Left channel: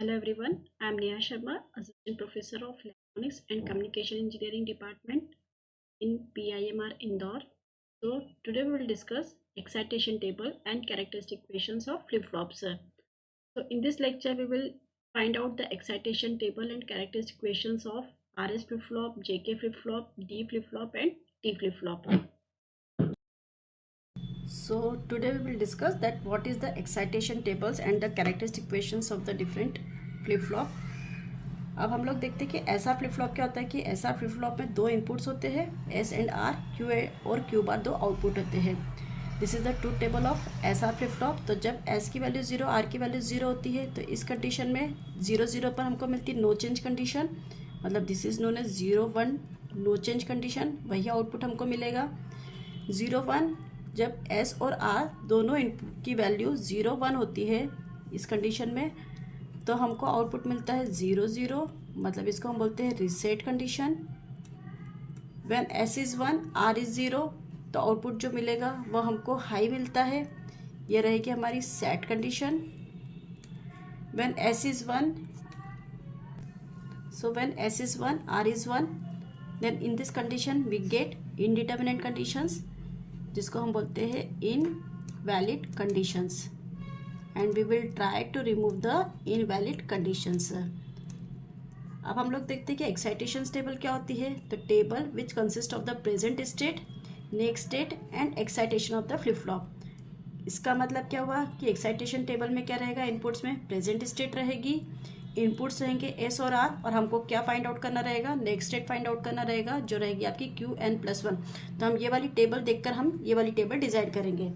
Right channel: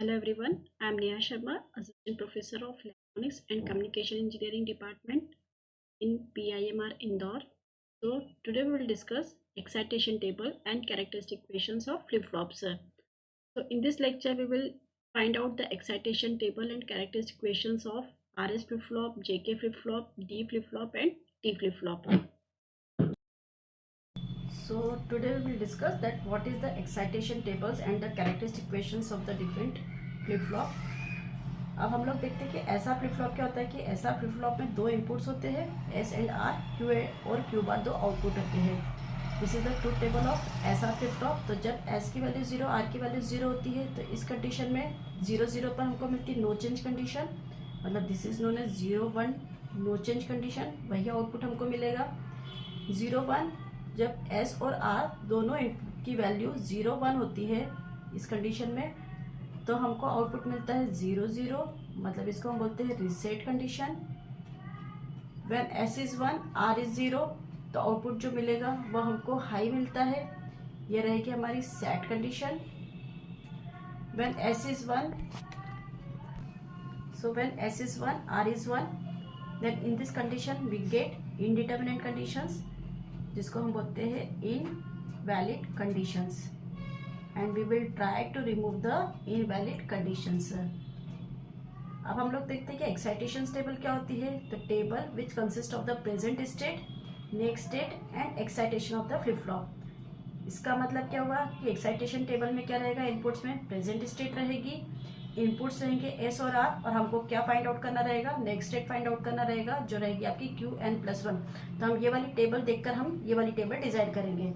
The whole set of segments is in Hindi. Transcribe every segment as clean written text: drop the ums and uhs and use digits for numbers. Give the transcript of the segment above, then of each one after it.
Hello everyone, I am Neha Sharma, Assistant Professor of Electronics and Communication Engineering Department in PIMR Indore. So today we will discuss excitation table and characteristic equations of flip-flops. So in this lecture we will find out the excitation table and characteristic equations of RS flip-flop, JK flip-flop, D flip-flop and T flip-flop. So today we will discuss that what is the excitation tables and the characteristic equations of the different flip flop. अब हम लोग देखते हैं कि ऐसा फ्लिप फ्लॉप क्या होता है कि ऐसा फ्लिप फ्लॉप में दो इनपुट्स होते हैं एस एंड आर, क्यू और क्यू बार दो आउटपुट होते हैं. This is the truth table of ऐसा फ्लिप फ्लॉप. तो जब एस की वैल्यू जीरो, आर की वैल्यू जीरो होती है तो इस कंडीशन में जीरो जीरो पर हमको मिलती है नो चेंज कंडीशन, मतलब this is known as 0 1 no change condition. वही आउटपुट हमको मिलेगा. 0 1 जब एस और आर दोनों इनपुट की वैल्यू 0 1 होती है इस कंडीशन में तो हमको आउटपुट मिलता है 0 0, मतलब इसको हम बोलते हैं reset condition. When S is 1 R is 0 तो आउटपुट जो मिलेगा वो हमको हाई मिलता है. ये रहेगी हमारी set condition. When S is 1, so when s is 1 r is 1, then in this condition we get indeterminate conditions जिसको हम बोलते हैं invalid conditions, and we will try to remove the invalid conditions. अब हम लोग देखते हैं कि एक्साइटेशन टेबल क्या होती है. तो table which consist of the present state, next state and excitation of the flip flop. इसका मतलब क्या हुआ कि एक्साइटेशन टेबल में क्या रहेगा, इनपुट्स में प्रेजेंट स्टेट रहेगी, इनपुट्स रहेंगे एस और आर, और हमको क्या फाइंड आउट करना रहेगा, नेक्स्ट स्टेट फाइंड आउट करना रहेगा जो रहेगी आपकी क्यू एन प्लस 1. तो हम ये वाली टेबल देखकर हम ये वाली टेबल डिजाइन करेंगे.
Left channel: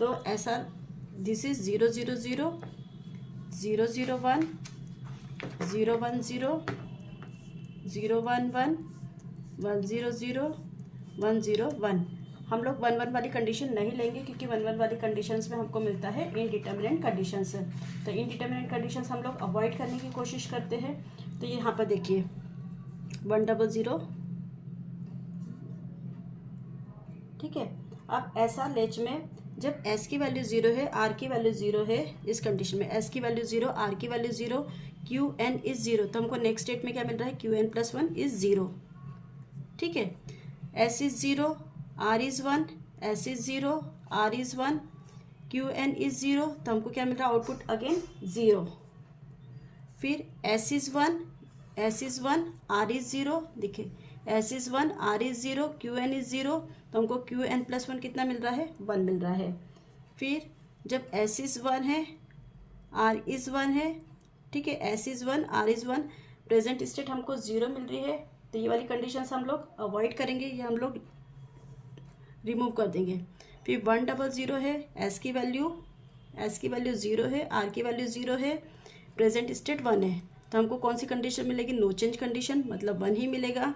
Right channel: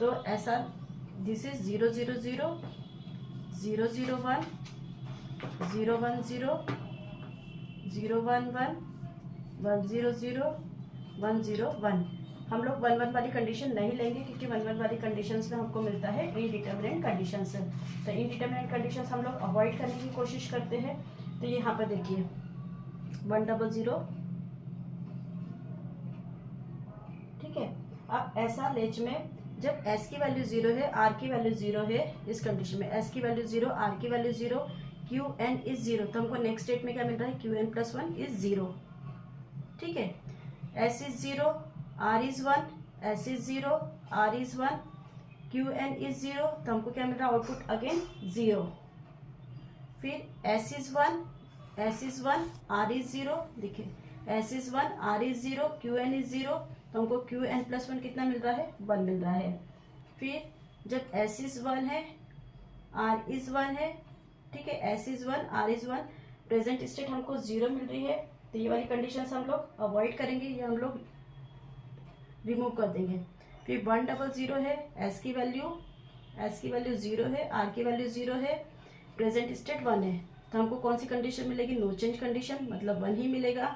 तो ऐसा दिस इज 0 0 0 0 0 1 0 1 0 0 1 1 1 0 0 1 0 1. हम लोग 1 1 वाली कंडीशन नहीं लेंगे क्योंकि 1 1 वाली कंडीशंस में हमको मिलता है इनडिटर्मिनेट कंडीशंस. तो इनडिटर्मिनेट कंडीशंस हम लोग अवॉइड करने की कोशिश करते हैं. तो ये यहाँ पर देखिए 1 0 0, ठीक है. अब ऐसा लेच में जब s की वैल्यू 0 है, r की वैल्यू 0 है, इस कंडीशन में s की वैल्यू 0, r की वैल्यू 0, क्यू एन इज 0, तो हमको नेक्स्ट स्टेट में क्या मिल रहा है, क्यू एन प्लस 1 इज 0. ठीक है. s is 0, r is 1, s is 0, r is 1, Q n is 0, तो हमको क्या मिल रहा है, आउटपुट अगेन 0. फिर s is 1, s is 1, r is 0, देखिए s is 1, r is 0, Q n is 0, तो हमको क्यू एन प्लस 1 कितना मिल रहा है, 1 मिल रहा है. फिर जब s इज 1 है, r इज 1 है, ठीक है, s is 1, r is 1, present state हमको 0 मिल रही है. तो ये वाली कंडीशन हम लोग अवॉइड करेंगे, ये हम लोग रिमूव कर देंगे. फिर 1 0 0 है, s की वैल्यू 0 है, r की वैल्यू 0 है, प्रेजेंट स्टेट 1 है, तो हमको कौन सी कंडीशन मिलेगी, नो चेंज कंडीशन, मतलब 1 ही मिलेगा.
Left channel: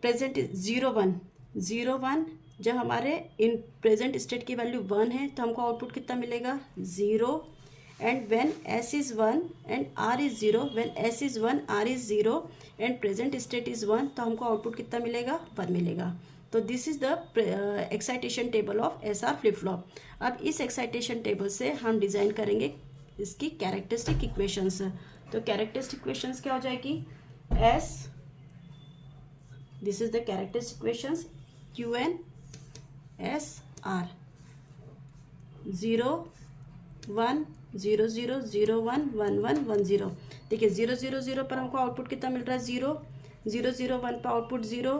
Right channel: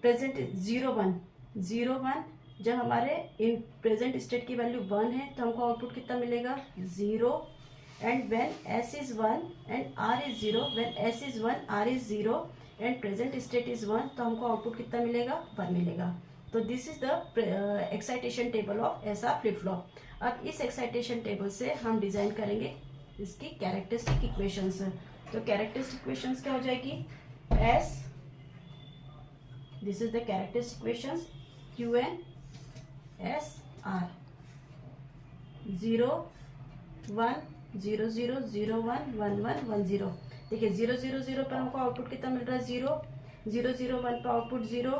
प्रेजेंट 0 1 0 1, जब हमारे इन प्रेजेंट स्टेट की वैल्यू 1 है तो हमको आउटपुट कितना मिलेगा, 0. And when s is 1 and r is 0, when s is 1 r is 0 and present state is 1, तो हमको आउटपुट कितना मिलेगा, 1 मिलेगा. तो this is the excitation table of S R flip flop. अब इस एक्साइटेशन टेबल से हम डिजाइन करेंगे इसकी कैरेक्टरिस्टिक इक्वेशंस. तो कैरेक्टरिस्टिक इक्वेशंस क्या हो जाएगी, S, this is the characteristic equations, Q n S R 0 1 0 0 0 1 1 1 1 0. देखिए 0 0 0 पर हमको आउटपुट कितना मिल रहा है, 0 0 0 1 पर आउटपुट 0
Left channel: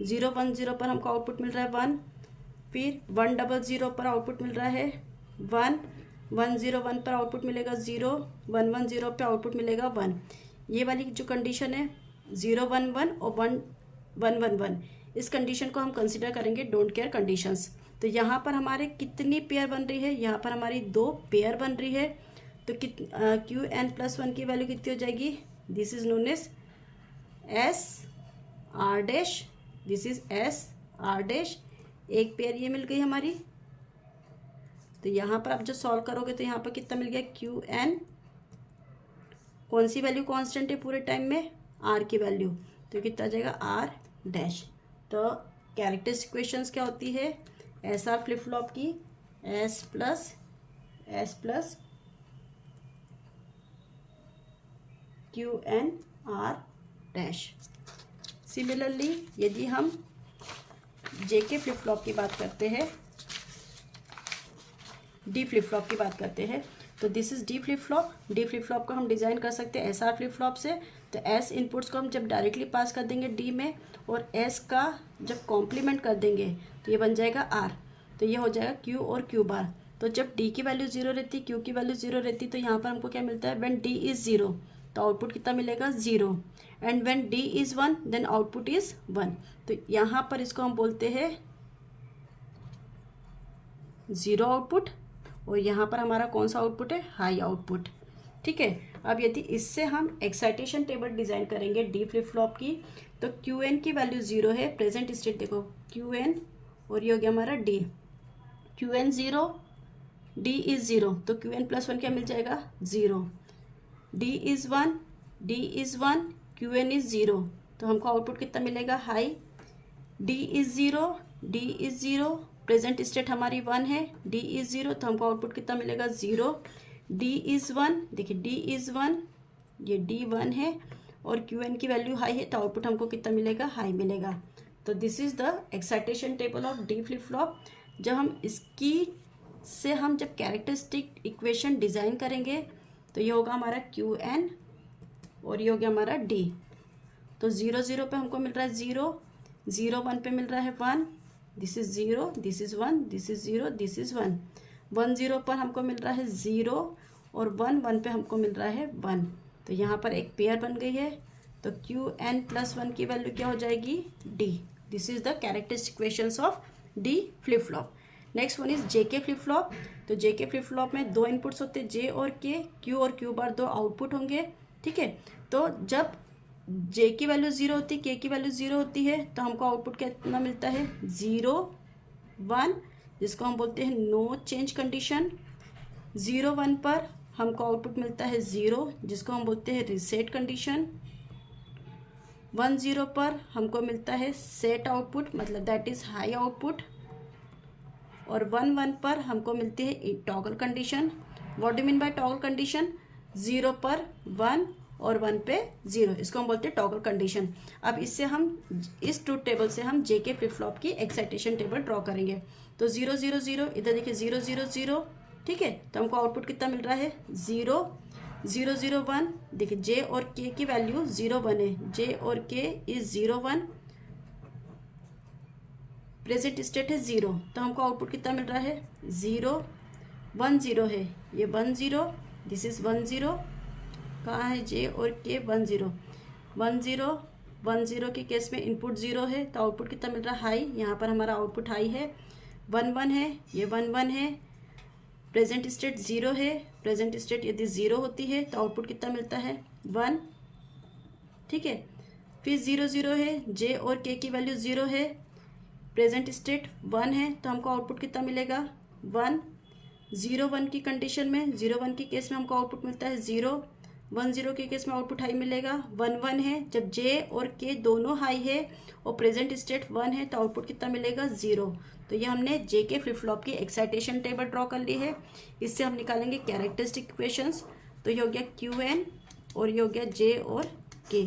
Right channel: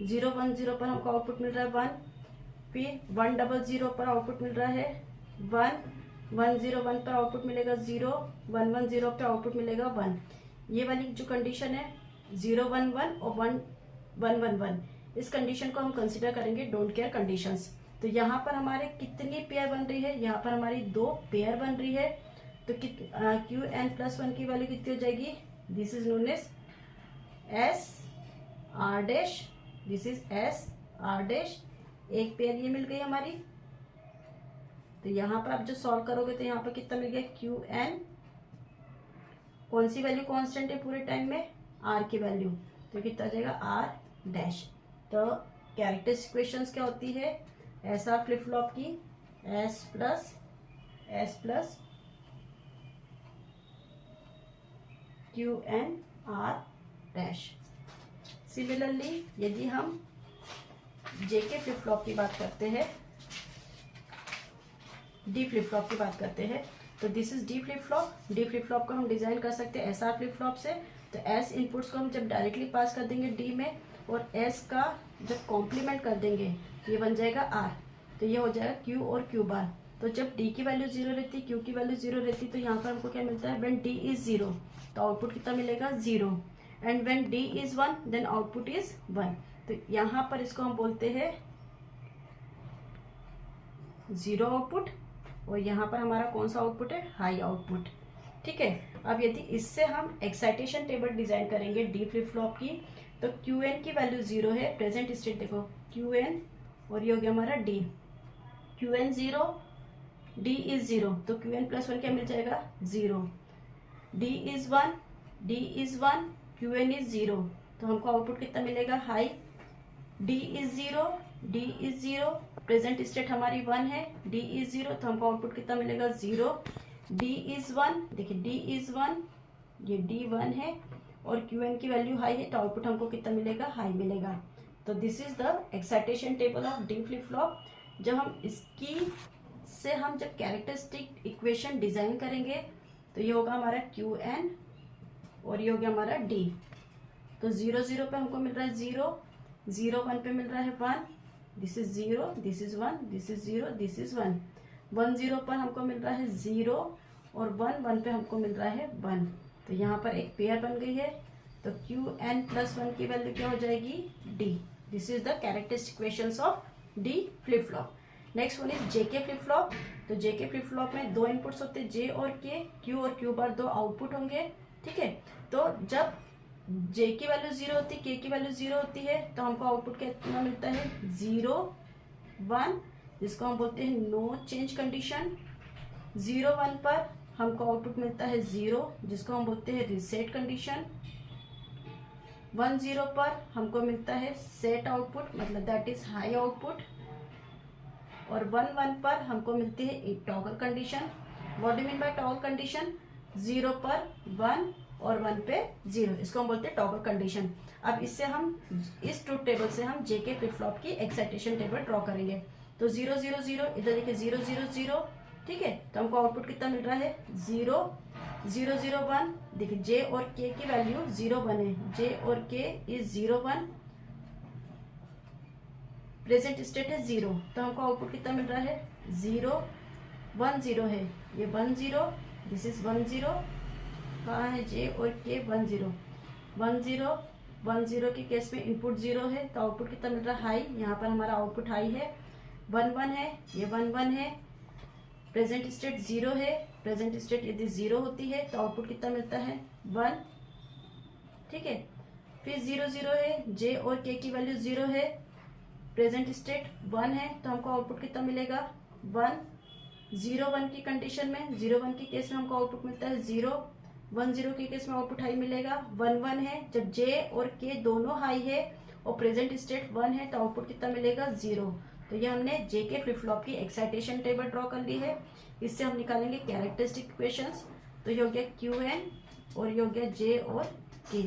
0 1 0 पर हमको आउटपुट मिल रहा है 1. फिर 1 0 0 पर आउटपुट मिल रहा है 1 1 0 1 पर आउटपुट मिलेगा 0 1 1 0 पर आउटपुट मिलेगा 1. ये वाली जो कंडीशन है 0 1 1 और 1 1 1 1, इस कंडीशन को हम कंसिडर करेंगे डोंट केयर कंडीशंस. तो यहाँ पर हमारे कितनी पेयर बन रही है, यहाँ पर हमारी 2 पेयर बन रही है. तो क्यू एन प्लस 1 की वैल्यू कितनी हो जाएगी, this is known as S R dash, this is S R dash, एक पेयर ये मिल गई हमारी. तो यहाँ पर आप जो सॉल्व करोगे तो यहाँ पर कितना मिल गया, क्यू एन, कौन सी वैल्यू कांस्टेंट है पूरे टाइम में, आर की वैल्यू, तो कितना आ जाएगा आर डैश. तो कैरेक्टरिस्टिक इक्वेशंस क्या होती है, एस आर फ्लिप फ्लॉप की S plus QNR dash. Similarly यदि हम JK फ्लिप फ्लॉप की बात करते हैं, D फ्लिप फ्लॉप की बात करते हैं, तो this is D flip flop. D flip flop को हम डिज़ाइन कर सकते हैं SR फ्लिप फ्लॉप से। तो S इनपुट्स को हम जब डायरेक्टली पास कर देंगे D में और S का जब कॉम्प्लीमेंट कर देंगे तो ये बन जाएगा R। तो ये हो जाएगा Q और Q बार। तो जब D की वैल्यू 0 रहती, Q की वैल्यू 0 रहती, तो यहाँ पर हमको क्या मिलता है, व्हेन D इज 0 तो आउटपुट कितना मिलेगा 0, and when D is 1 then output is 1। तो यहाँ पर इसको हम बोलते हैं 0 आउटपुट, और यहाँ पर हमारा कौन सा आउटपुट है, हाई आउटपुट। ठीक है। अब यदि इससे हम एक्साइटेशन टेबल डिज़ाइन करेंगे डी फ्लिप फ्लॉप की, तो QN की वैल्यू 0 है, प्रेजेंट स्टेट देखो QN, और ये हो गया हमारा D। QN 0, D इज 0, तो QN प्लस 1 क्या मिल जाएगा 0। D is 1, D is 1, QN is 0, तो हमको आउटपुट कितना मिलेगा, high. D is 0, D is 0, present state हमारी 1 है, D इज 0, तो हमको आउटपुट कितना मिलेगा 0। D इज 1, देखिए D इज 1, ये D 1 है, और QN की वैल्यू हाई है, तो आउटपुट हमको कितना मिलेगा, हाई मिलेगा। तो this is the excitation table of D flip flop. जब हम इसकी से हम जब कैरेक्टरिस्टिक इक्वेशन डिज़ाइन करेंगे तो ये होगा हमारा QN, और ये हो गया हमारा D। तो 0 0 पे हमको मिल रहा है 0, 0 1 पे मिल रहा है 1, this is 0, this is 1, this is 0, this is 1। 1 0 पर हमको मिल रहा है 0, और 1 1 पे हमको मिल रहा है 1। तो यहाँ पर एक पेयर बन गई है, तो QN प्लस 1 की वैल्यू क्या हो जाएगी, D। This is the characteristic equations of D flip flop. Next one is JK flip flop. तो JK फ्लिप फ्लॉप में दो इनपुट्स होते हैं, J और K, Q और Q बार दो आउटपुट होंगे। ठीक है। तो जब J की वैल्यू 0 होती है, K की वैल्यू 0 होती है, तो हमको आउटपुट कितना मिलता है 0 1, जिसको हम बोलते हैं नो चेंज कंडीशन। 0 1 पर हमको आउटपुट मिलता है 0, जिसको हम बोलते हैं रीसेट कंडीशन। 1 0 पर हमको मिलता है सेट आउटपुट, मतलब दैट इज हाई आउटपुट। और 1 1 पर हमको मिलती है toggle condition. What do mean by toggle condition, 0 पर 1 और 1 पे 0, इसको हम बोलते हैं टॉगल कंडीशन। अब इससे हम इस ट्रूथ टेबल से हम JK फ्लिप फ्लॉप की एक्साइटेशन टेबल ड्रॉ करेंगे। तो 0 0 0, इधर देखिए 0 0 0, ठीक है। तो हमको आउटपुट कितना मिल रहा है 0 0 0 1, देखिए J और K की वैल्यू 0 1 है, J और K इज 0 1, प्रेजेंट स्टेट है 0, तो हमको आउटपुट कितना मिल रहा है 0 1 0 है, ये 1 0, दिस इज 1 0, कहाँ है J और K 1 0 1 0 1 0 के केस में इनपुट 0 है, तो आउटपुट कितना मिल रहा है हाई। यहाँ पर हमारा आउटपुट हाई है। 1 1 है, ये 1 1 है, प्रेजेंट स्टेट 0 है, प्रेजेंट स्टेट यदि 0 होती है तो आउटपुट कितना मिलता है 1। ठीक है। फिर 0 0 है, J और K की वैल्यू 0 है, प्रेजेंट स्टेट 1 है, तो हमको आउटपुट कितना मिलेगा 1। 0 1 की कंडीशन में, 0 1 के केस में हमको आउटपुट मिलता है 0, 1 0 के केस में आउटपुट हाई मिलेगा। 1 1 है, जब J और K दोनों हाई है और प्रेजेंट स्टेट 1 है, तो आउटपुट कितना मिलेगा 0। तो ये हमने JK फ्लिप फ्लॉप की एक्साइटेशन टेबल ड्रॉ कर ली है। इससे हम निकालेंगे कैरेक्टरिस्टिक इक्वेशंस। तो ये हो गया QN, और ये हो गया J और K।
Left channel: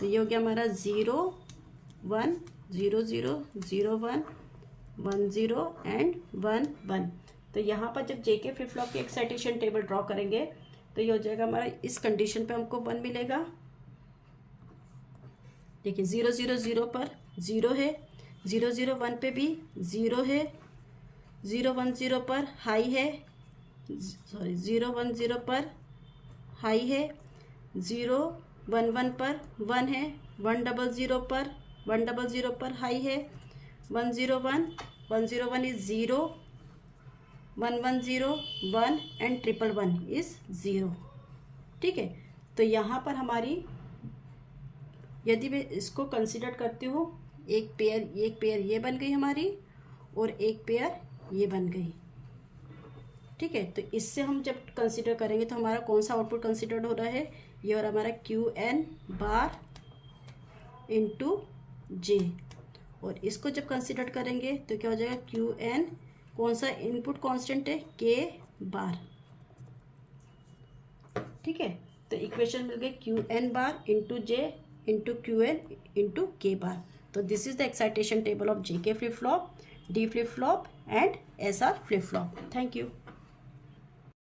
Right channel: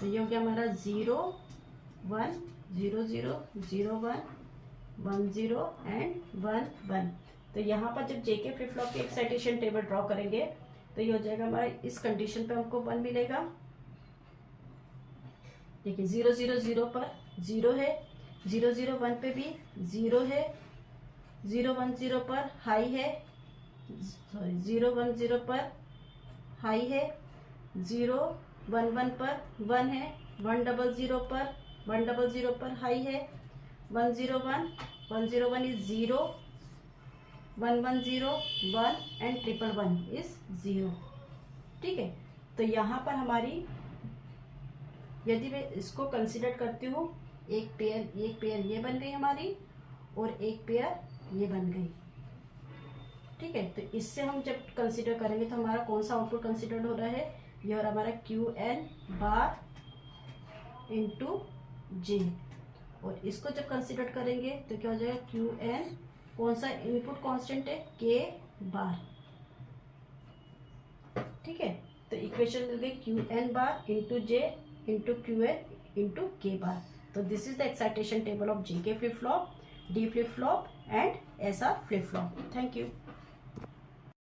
तो ये हो गया हमारा 0 1 0 0 0 1 1 0 एंड 1 1। तो यहाँ पर जब JK फ्लिप फ्लॉप की एक्साइटेशन टेबल ड्रॉ करेंगे तो ये हो जाएगा हमारा, इस कंडीशन पे हमको 1 मिलेगा। देखिए 0 0 0 पर 0 है, 0 0 1 पे भी 0 है, 0 1 0 पर हाई है, सॉरी 0 1 0 पर हाई है, 0 1 1 पर 1 है, 1 0 0 पर 1 0 0 पर हाई है, 1 0 1 1 0 1 इज 0, 1 1 0 1 एंड 1 1 1 इज 0। ठीक है। तो यहाँ पर हमारी, यदि मैं इसको कंसिडर करती हूँ, एक पेयर ये बन गई हमारी, और एक पेयर ये बन गई। ठीक है। तो इससे हम जब कंसिडर करेंगे तो हमारा कौन सा आउटपुट कंसिडर्ड हो रहा है, ये और हमारा QN बार इंटू J। और इसको जब कंसिडर करेंगे तो क्या हो जाएगा QN, कौन सा इनपुट कांस्टेंट है, K बार। ठीक है। तो इक्वेशन मिल गई Q N bar into J into Q N into K bar. तो this is the excitation table of J K flip flop, D flip flop and S R flip flop. Thank you.